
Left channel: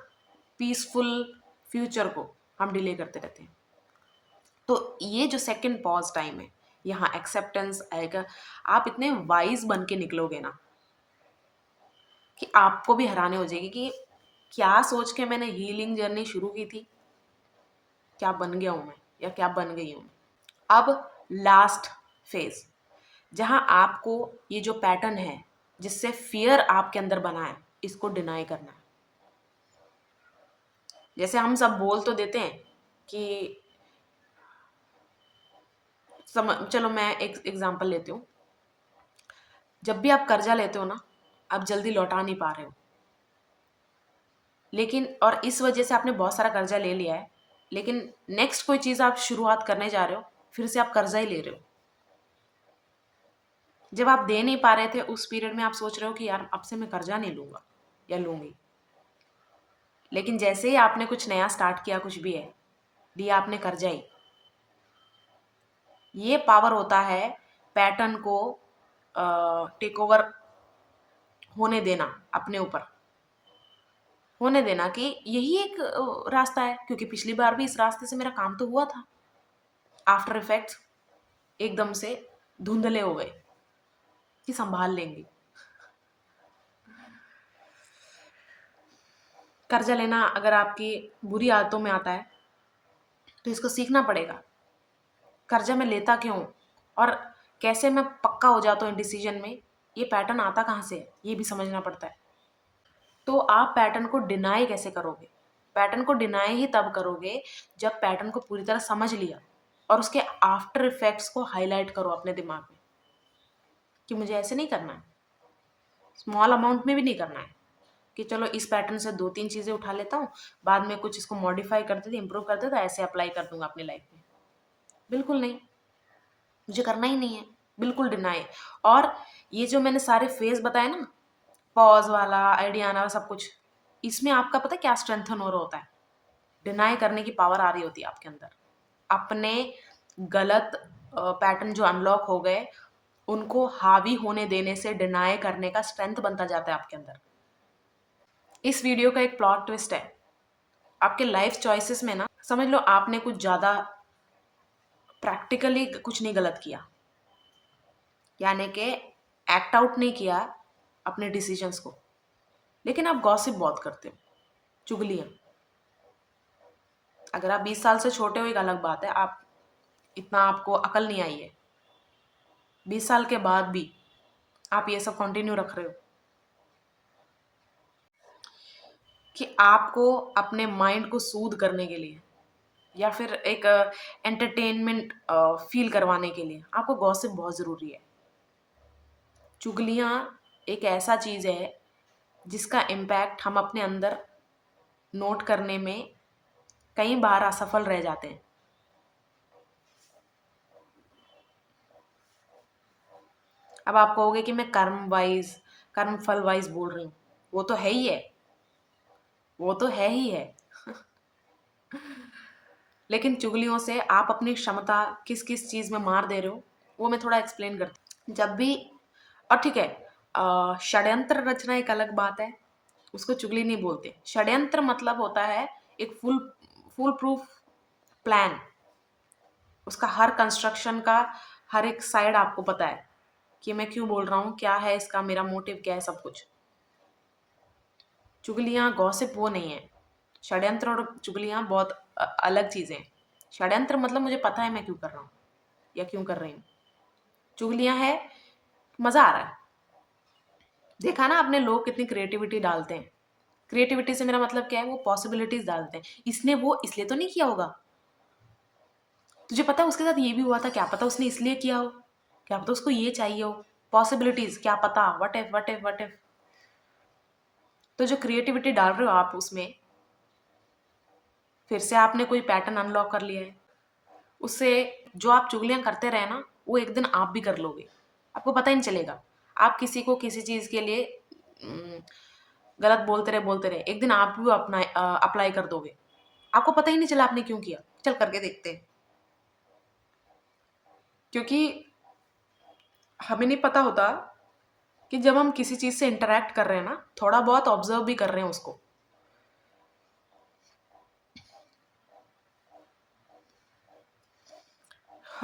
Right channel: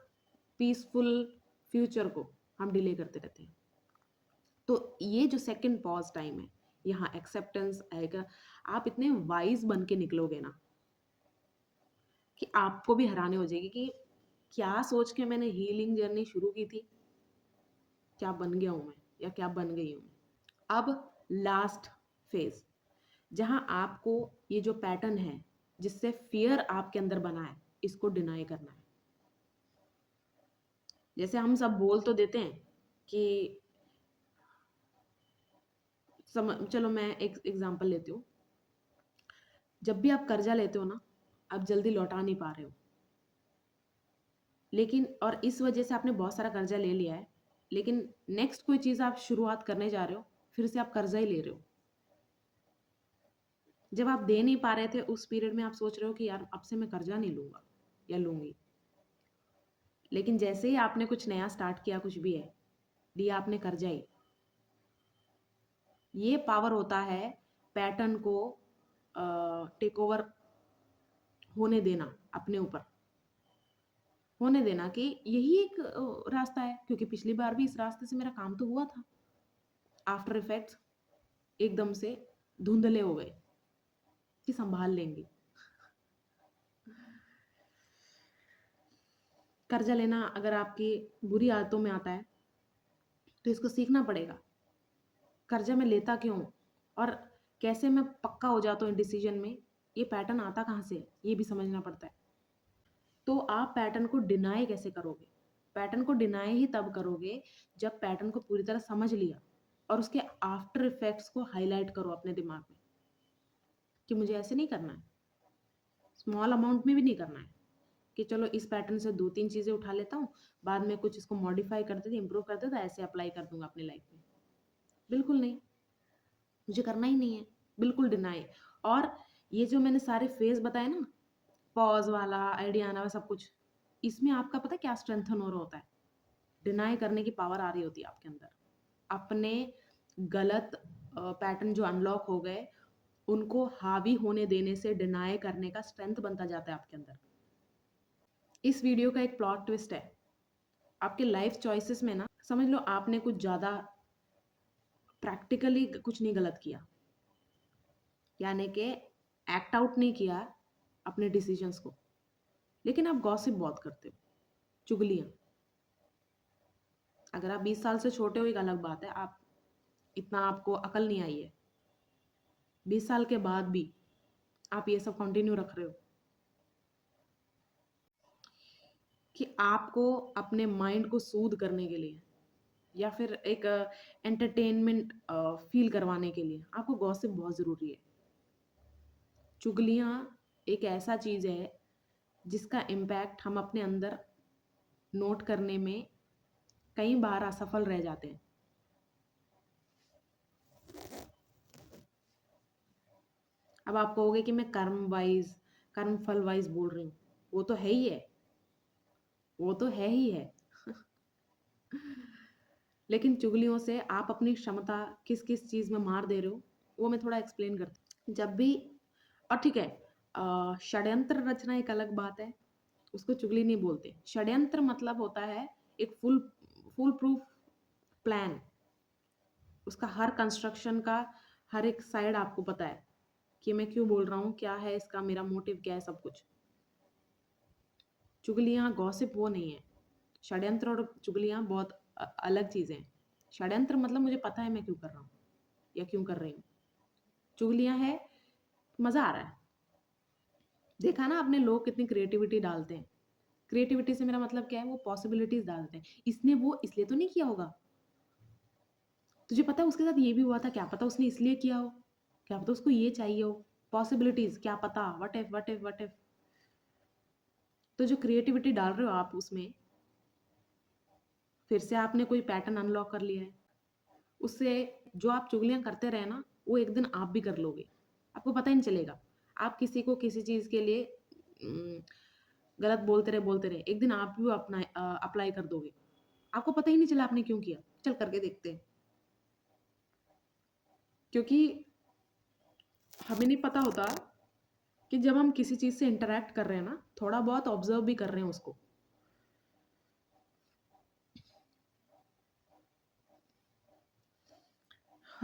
पीसफुल फ्यूचर को हम डिले करते रहते हैं। तो ये जो सेकंड पॉज टाइम है, यहाँ एक्सेप्टेंस आएगा। आप इतने वाइज बन के निकलोगे ना कि आपको भी हैरानी हो जाएगी कि क्या सोच के मैंने हीलिंग जर्नी शुरू की थी, क्या बन गया हूँ मैं या क्या बन गई हूँ। अब लास्ट फेज, जहाँ आपको ये जो पैटर्न है जिससे फियर आपके अंदर बना है, इसको डिनाई करना है। जैसे हम सब बोल तो देते हैं कि चलो मैं एक एग्जांपल लेती हूँ। जब भी आप कर्जा लेते हो ना, आप जल्दी लौटा नहीं पा रहे हो, लेकिन और इस वजह से आपने बहुत सारा कर्जा ले लिया है, लेकिन नेक्स्ट कोई चीज़ आप शुरुआत करने जा रहे हो, फिर से आप कर्जा ही ले रहे हो। जब आप दे नहीं पा रहे थे उस पीरियड में आप सोच रहे हो कि यार अब से मैं कर्जा नहीं लूंगा या लूंगी, लेकिन जैसे ही आपने कुछ नया स्टार्ट किया, कुछ भी है, दिया आपने कर्जा ही। ये पावर होता है पैटर्न को टेक ओवर होने देना, अपने ऊपर होने देना कि यही एक रास्ता है, क्योंकि पिछली बार भी इस रास्ते से मेरा काम तो हुआ था। आफ्टर इफेक्ट्स एकदम से धुंधले हो गए कि संभाल लेंगे। कर्जा लेना अगर आपकी बुरी आदतों में आता है तो इसको सीखना पड़ेगा। कर्जा मैं लेता क्यों और कैसे मैं पक्का हो जाता हूँ डिसीजन में, ये पैटर्न आता कहाँ से है, ये भी समझना पड़ता है। तो आप पैटर्न को डिनाई कैसे करोगे? पैटर्न को डिनाई ही तब करोगे जब पैटर्न को पूरी तरह समझ लिया और उसके आफ्टर इफेक्ट्स को हाईलाइट करो अपने दिमाग में कि मुझे ऐसे नहीं करना है, स्मॉल अमाउंट में भी नहीं करना है कि चलो इस पैटर्न से 2-3 चीज़ें उठा लेता हूँ, बाद में कुछ इसको मॉडिफाई कर देते, इंप्रूव कर देता, ऐसे अप्लाई कर दूंगा अपनी लाइफ में। बिल्कुल नहीं, मुझे करना ही नहीं है, बिल्कुल डिनाई। और ये जो मैंने सारे फेज बताए ना, पॉज वाला, आइडिया आना, सब कुछ, इसमें आपका पता है क्या स्ट्रेंथन हो रहा होता है? डिनाई करने की पावर आ रही होती है आपके अंदर। अपने गलत पैटर्न जो अनलॉक हो गए उनको हावी होने देने से डिनाई करने का स्ट्रेंथ बनता जाता है आपके अंदर। इस वीडियो का एक प्लॉट ट्विस्ट है, आपके लाइफ चॉइसेस में ना, समझ लो आपने कुछ ज़्यादा प्रैक्टिकली कुछ नहीं गलत किया, यानी कि एक्ट आउट नहीं किया अपने डिसीजंस को, लेकिन आप गॉसिप बहुत करते हो, चुगलियाँ। अगर आप 20 साल से छोटे हो एक अलग बात है, आप इतना आपको अकल नहीं आई है, 20 साल के बाद भी आप ये सब कंटिन्यू रख रहे हो कि आपको अपने माइंड को सूद करने के लिए या फिर एक एंटरटेनमेंट फील करवाने के लिए आपको गॉसिप बहुत ज़रूरी है। चुगलियाँ एक ऐसा चीज़ है जिसका इम्पैक्ट हम अपने अंदर नोट करने में कई बार असफल रह जाते हैं। अब आप कहोगे कि मैं कर्म फल वाइज बोल रही हूँ, वो तो है ही है, वो तो है ही है। लेकिन चुगलियों से आप अपनी क्षमता किस किस चीज़ में मार दे रहे हो, वो मैं थोड़ा एक्सप्लेन करती हूँ। जब भी, और ठीक है, षड्यंत्र रचना एक अलग बात है, उसको चुगली नहीं बोलते। षड्यंत्र मतलब होता है एक फुल प्रूफ प्लान, उसका हर कंस्ट्रक्शन का हर एक साइड आपको पता है कि मैं क्यों बोल रहा हूँ, क्या है इसका, मेरा मोटिव क्या है, सब कुछ। चुगलियाँ गॉसिप वो नहीं है। षड्यंत्र और चुगलियाँ बहुत अलग चीज़ें हैं। षड्यंत्र मतलब मुझे पता है मैं क्यों कर रहा हूँ या क्यों कर रही हूँ। चुगलियाँ है मज़ा आ रहा है। देखा ना आपने, लोग कितनी क्रिएटिविटी डालते हैं। क्रिएटिविटी से मेरा मतलब क्या है, वो पॉसिबिलिटीज डालते हैं। इसने वो इसलिए तो नहीं किया होगा, तुझे पता है उसके साथ ये भी हुआ था, क्या पता उसने इसलिए किया हो, क्या पता उसको ये चाहिए हो। पॉसिबिलिटीज, क्या पता, वट इफ। तो जो क्रिएटिविटी डाल रहे हो आप उसमें, फिर से आपने कोई पैटर्न अनलॉक कर लिया है। उससे जो आप चुगलियां करते रहे ना, वो एक दिन आप भी कर लोगे, आपको पता ही नहीं चलेगा। आप किसी को किसी चीज़ के लिए गलत बोलते रहे, एक दिन आप भी अपना अप्लाई कर दोगे, आपको पता ही नहीं चला आपने क्यों किया। चल करके देखते हैं। क्योंकि हमें नहीं पता होता कि जब हम किसी चीज़ से इंटरेक्ट कर रहे हैं ना, थोड़ा बहुत ऑब्जर्व भी कर रहे हैं उसको।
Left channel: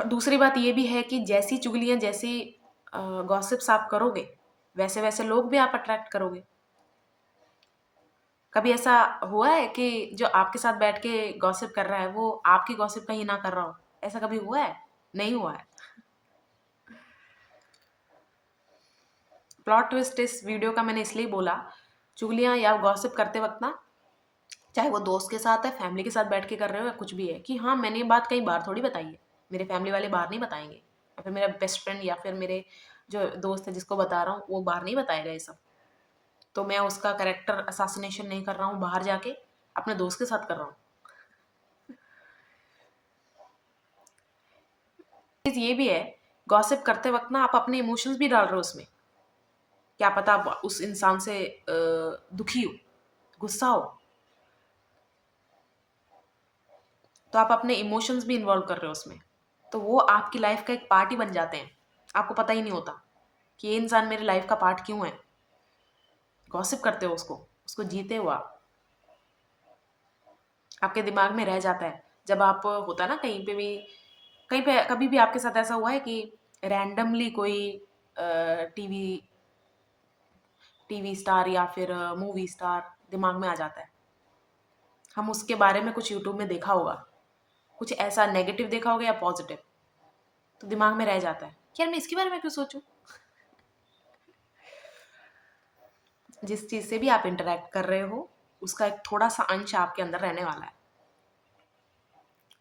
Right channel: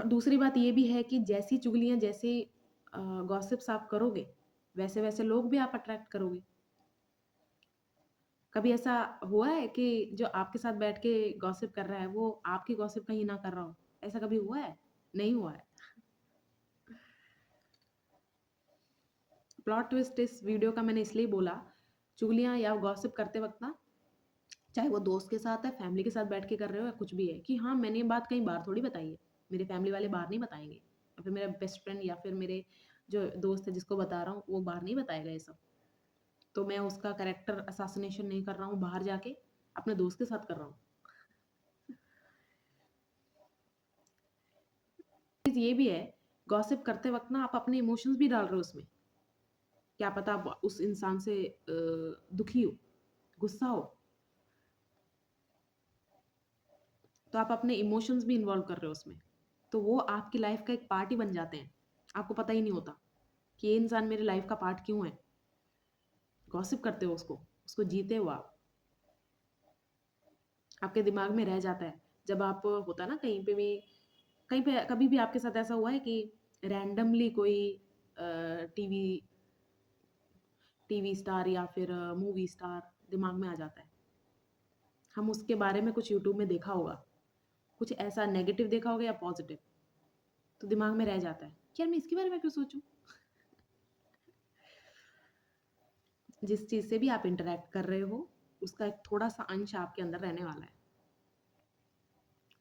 दूसरी बात ये भी है कि जैसी चुगलियाँ, जैसी गॉसिप्स आप करोगे, वैसे वैसे लोग भी आप अट्रैक्ट करोगे। कभी ऐसा हुआ है कि जो आपके साथ बैठ के गॉसिप कर रहा है वो आपकी गॉसिप कहीं ना कर रहा हो? ऐसा कभी हुआ है? नहीं हुआ है। प्लॉट ट्विस्ट इस वीडियो का मैंने इसलिए बोला, चुगलियाँ या गॉसिप करते वक्त ना, चाहे वो दोस्त के साथ है, फैमिली के साथ बैठ के कर रहे हो या कुछ भी है, कि हाँ मैंने ये बात कई बार थोड़ी बताई है, मेरे फैमिली वाले बाहर नहीं बताएंगे, या फिर मेरा बेस्ट फ्रेंड या फिर मेरे जो दोस्त है जिसको बता रहा हूँ वो बाहर नहीं बताएगा ये सब। तो मैं उसका कैरेक्टर असासिनेशन नहीं कर रहा हूँ बाहर जाके, अपने दोस्त के साथ कर रहा हूँ। चीज़ ये भी है, गॉसिप करते वक्त ना आप अपने इमोशंस भी डाल रहे हो उसमें। क्या पता आप उस इंसान से दुखी हो, गुस्सा हो, तो आप अपने इमोशंस भी इन्वॉल्व कर रहे हो उसमें। तो वो आपकी लाइफ का एक पार्ट ही बन जाते हैं, आपको पता ही नहीं होता कि ये इंसान मेरी लाइफ का पार्ट क्यों है। गॉसिप करते हो उसको, उसको जीते हो आप, आपके दिमाग में रह जाता है। जब आप होता है ना कहीं पे भी, कहीं पे कभी भी आपके साथ ऐसा हुआ है कि रैंडमली कोई टीवी टीवी स्टार या फिर मूवी स्टार दिमाग में आ जाता है। हम उसके बारे में कुछ यूट्यूब में देखा होगा, कुछ ऐसा नेगेटिव देखा होगा या पॉजिटिव, तो दिमाग में रह जाता है कि यार मैं इसके बारे में क्यों सोचूं। जिस चीज़ से भी आप इंटरेक्ट कर रहे हो उसका एक थोड़ा सा अंश आपके अंदर रहने वाला है।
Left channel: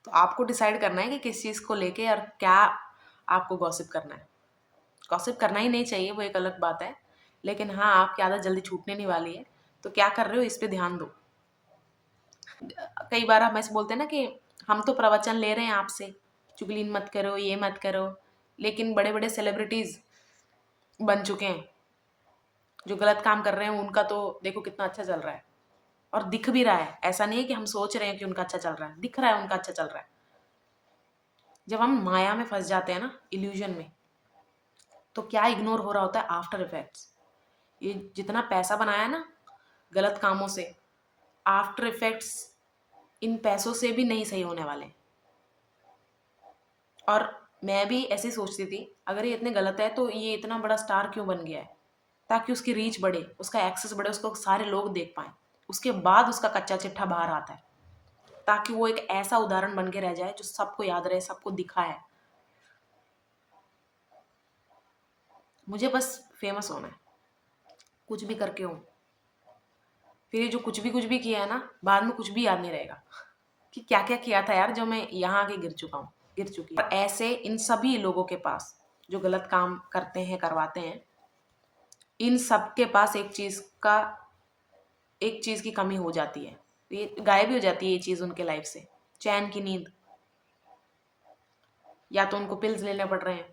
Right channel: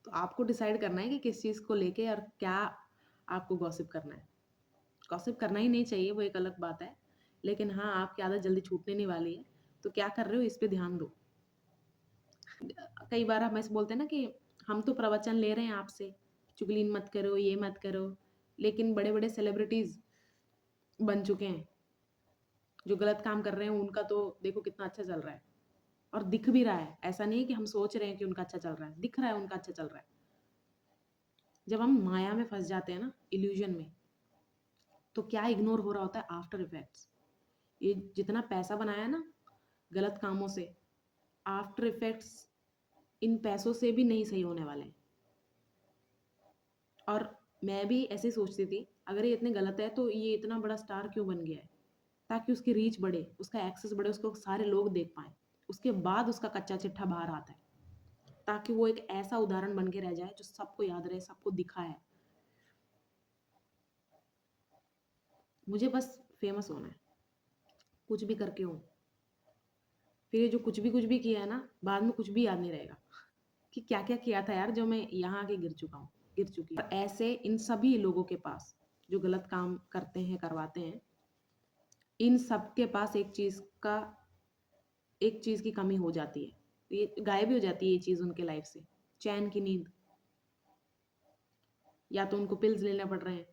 तो आपको डिसाइड करना है कि किस चीज़ को लेके और क्या आपको गॉसिप करना है। गॉसिप करना ही नहीं चाहिए, वो एक अलग बात है, लेकिन हाँ आपकी आदत जल्दी छूटने नहीं वाली है, तो क्या कर रहे हो इस पे ध्यान दो। कई बार हम ऐसे बोलते हैं ना कि हम तो प्रवचन ले रहे हैं आपसे, चुगली मत करो, ये मत करो, लेकिन बड़े बड़े सेलिब्रिटीज़ बन चुके हैं, जो गलत काम कर रहे हैं उनका तो देखो कितना अच्छा चल रहा है, और दिख भी रहा है। ऐसा नहीं है कि हम सोच रहे हैं कि उनका अच्छा चल रहा है, दिख रहा है उनका अच्छा चल रहा है। जब हम माया में फंस जाते हैं ना, इल्यूजन में, तो क्या इग्नोर हो रहा होता है? After effects. ये जितना पैसा बनाया ना गलत कामों से, आफ्टर इफेक्ट्स इन पैसों से भी नहीं सही होने वाले। और मैं भी ऐसे ही सोचती थी, अगर ये इतने गलत है तो ये इतना बड़ा स्टार क्यों बन गया है? ताकि उसकी रीच बढ़े, उसका एक्सेस बढ़े, उसको सारे लोग देख पाएँ। उसके बाद उसका कच्चा चिट्ठा बाहर आता है, ताकि वो एक ऐसा उदाहरण बन के रह जाए जो सबको याद रहे, सबको दिखा है। मुझे बस फेमस होना है, कुछ भी करके हूँ। फिर ये जो कुछ भी किया है ना, बाद में कुछ भी याद नहीं रहेगा कि क्या क्या किया था यार, जो मैं यहाँ आके गिर चुका हूँ, गिर चुकी हूँ। और ऐसे इन सभी लोगों के पास जो गलत काम करते हैं, करवाते हैं, इन सब के पास एक चीज़ की कमी हो जाती है, ये गायब ही हो जाती है ये चीज़ उनके लाइफ से, चैन की नींद। या तो उनको पिल्स लेने पड़ रहे हैं,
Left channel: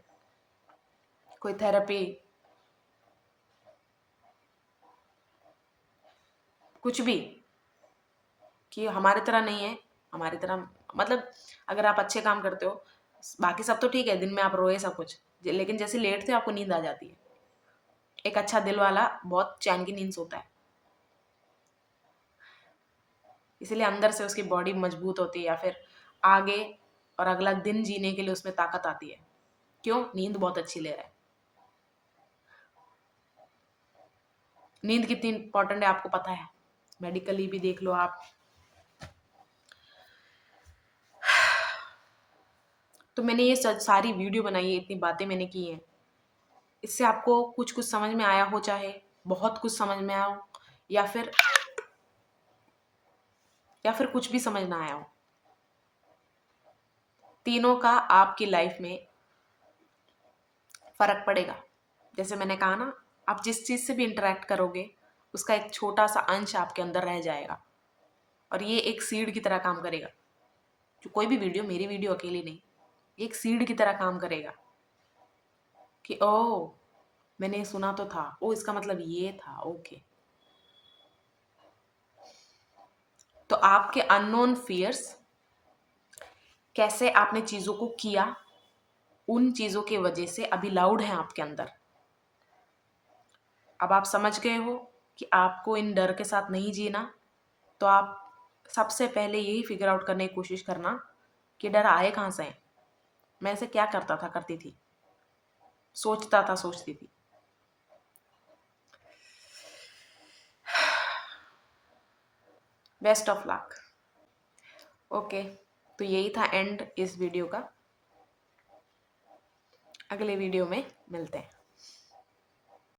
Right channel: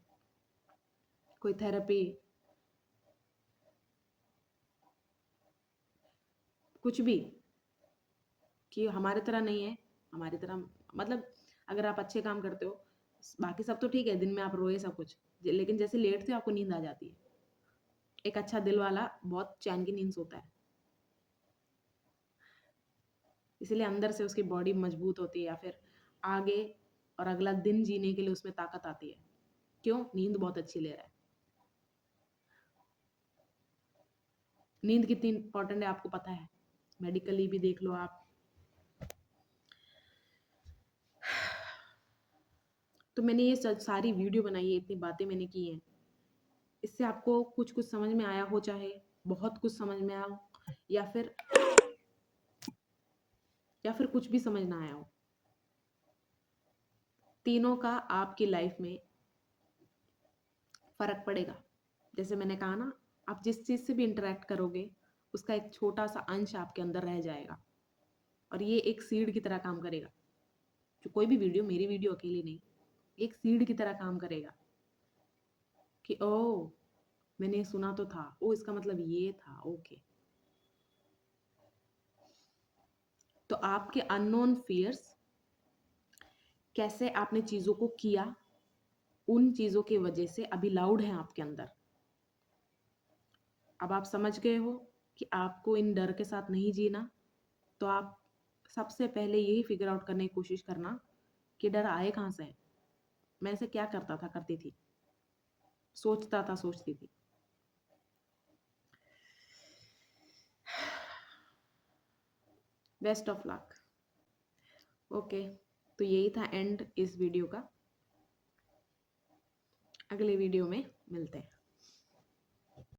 कोई थेरेपी, कुछ भी, कि हमारी तरह नहीं है, हमारी तरह मतलब अगर आप अच्छे काम करते हो, बाकी सब तो ठीक है, दिन में आप रोए सब कुछ, लेकिन जैसे लेटते हो आपको नींद आ जाती है। एक अच्छा दिल वाला बहुत चैन की नींद सोता है, इसलिए अंदर से उसकी बॉडी मजबूत होती है, या फिर आगे और अगला दिन जीने के लिए उसमें ताकत आती है। क्यों? नींद बहुत अच्छी ले रहा है। नींद कितनी इंपॉर्टेंट है आपको पता है, मेडिकली भी देख लो आप। तो मैंने ये सारी वीडियो बनाई है, इतनी बातें मैंने की हैं, इससे आपको कुछ कुछ समझ में आया हो, चाहे बहुत कुछ समझ में आया हो, या फिर कुछ भी समझ ना आया हो, तीनों का आपकी लाइफ में फर्क पड़ेगा। जैसे मैंने कहा ना, आप जिस चीज़ से भी इंटरेक्ट करोगे उसका एक छोटा सा अंश आपके अंदर रह जाएगा, और ये एक सीड की तरह काम करेगा। जो कोई भी वीडियो, मेरी वीडियो अकेली नहीं, एक सीड की तरह काम करेगा कि ओ मैंने सुना तो था, ओ इसका मतलब ये था, ओके। तो आपके अननोन फियर्स, कैसे आपने चीज़ों को किया, उन चीज़ों के वजह से अभी लाउड है आपके अंदर। अब आप समझ गए हो कि आपको इन डर के साथ नहीं जीना, तो आप सबसे पहले यही फिगर आउट करने की कोशिश करना कि डर आए कहाँ से हैं। मैं ऐसे क्या करता था, करती थी, सोचता था, सोचती थी। Best of luck. ओके, तो यही था एंड इस वीडियो का। अगले वीडियो में मिलते हैं।